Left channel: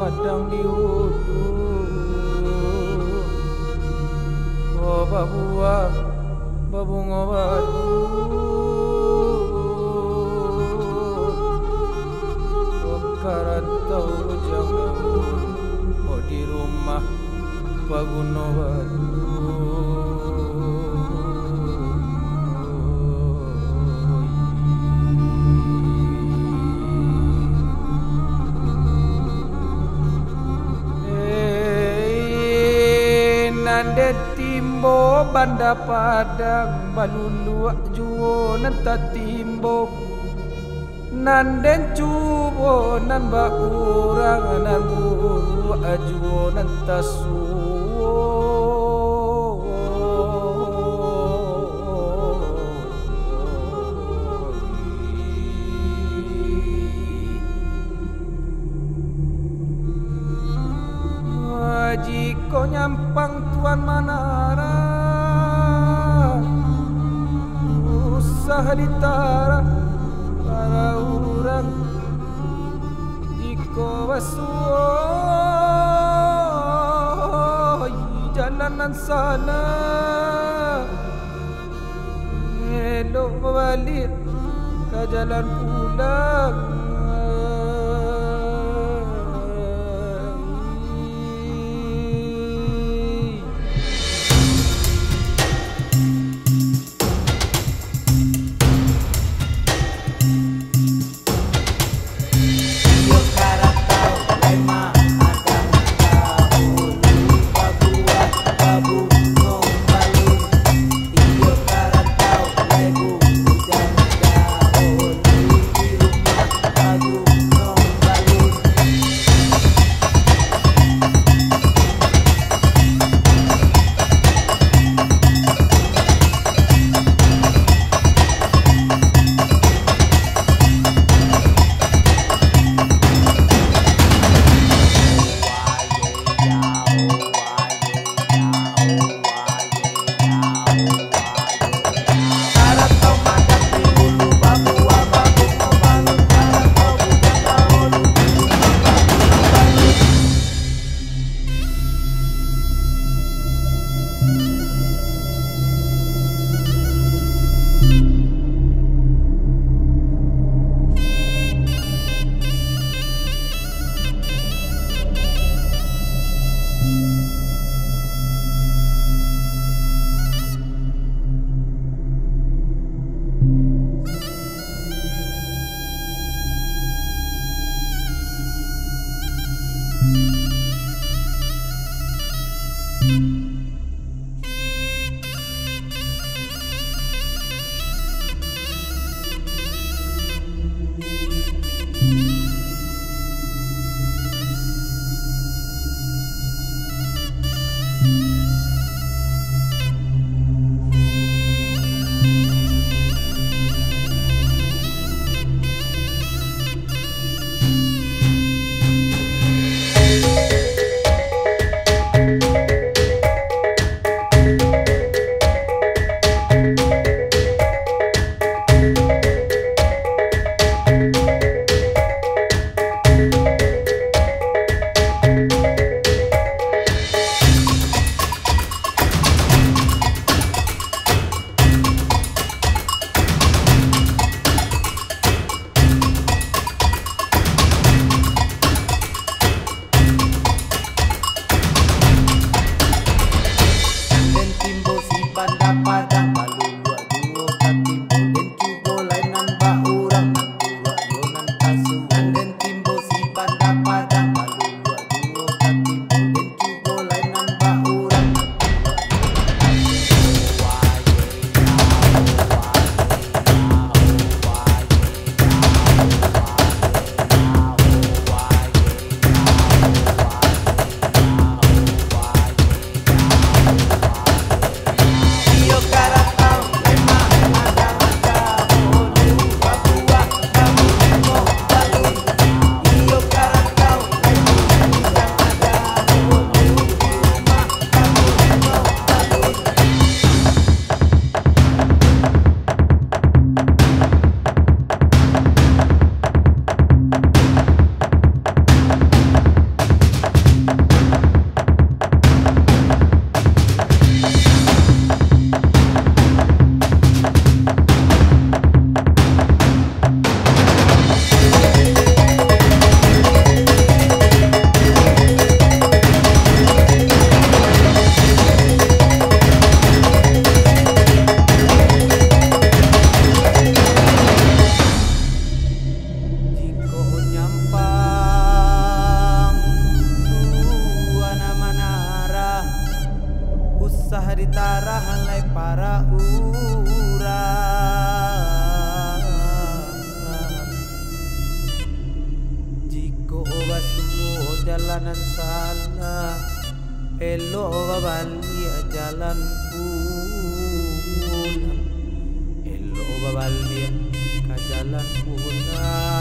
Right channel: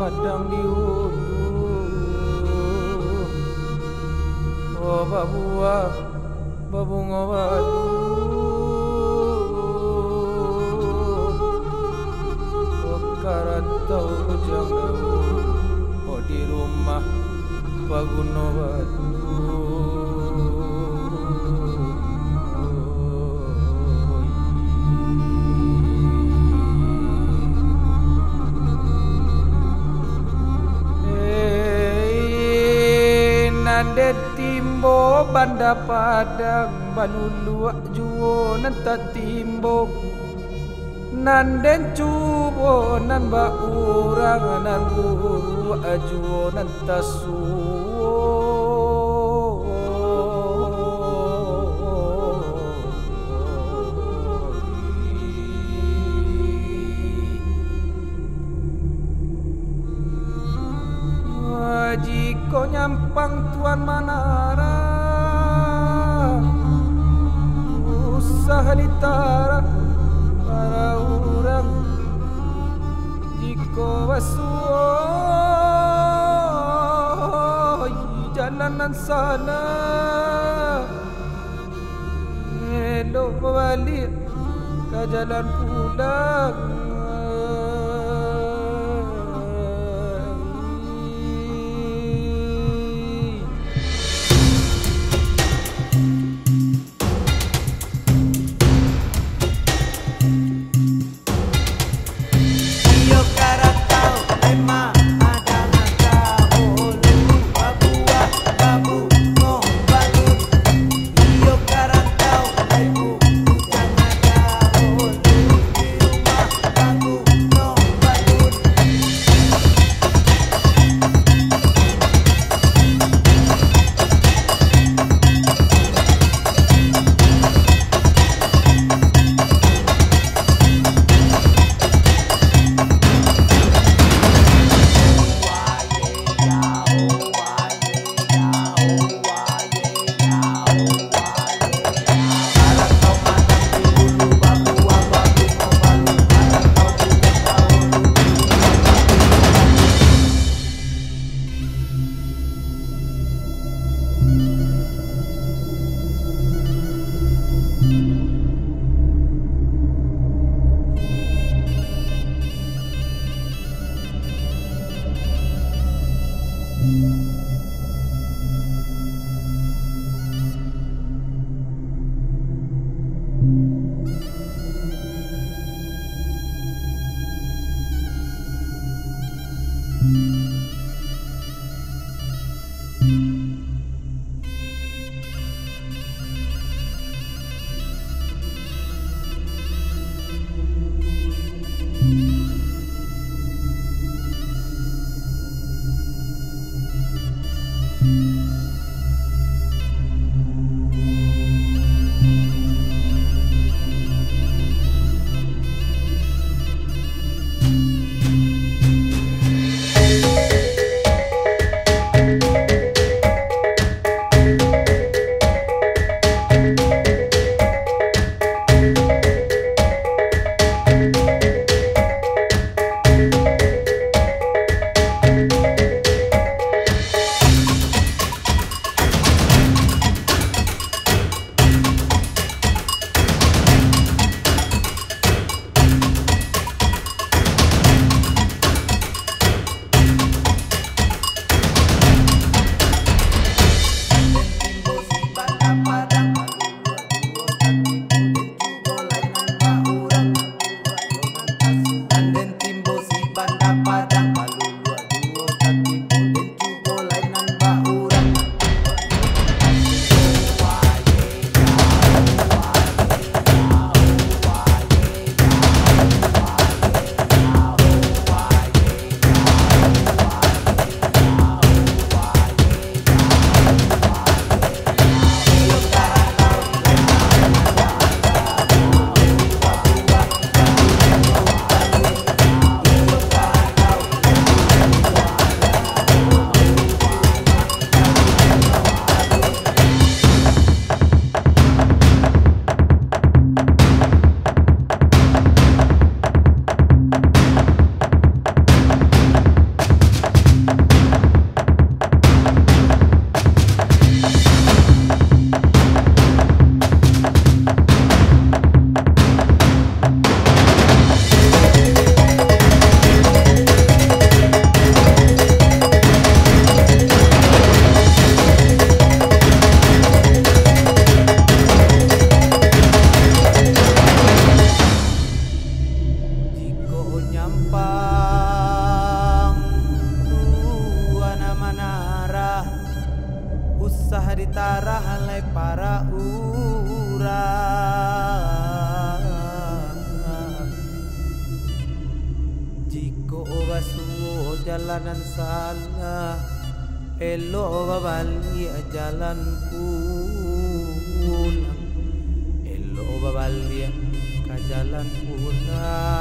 madang diudu. Oh babua babungo badu. Oh karantau ujang daun. Oh di rumah paguno badu. Nande timbo banda padang balulu juo nanta timbo nanden cubo nan ba urang nan buru ajuo nanta suo jiko nyampang tuan manara usaha ditara para orang jiko basuh jalanan sana elok balik ke jalan pulang. Awang tuana manara usah ditara halai para urang. Jiko basuo jalanan salah elo babali jalan pulang, elo babali ke jalan pulang.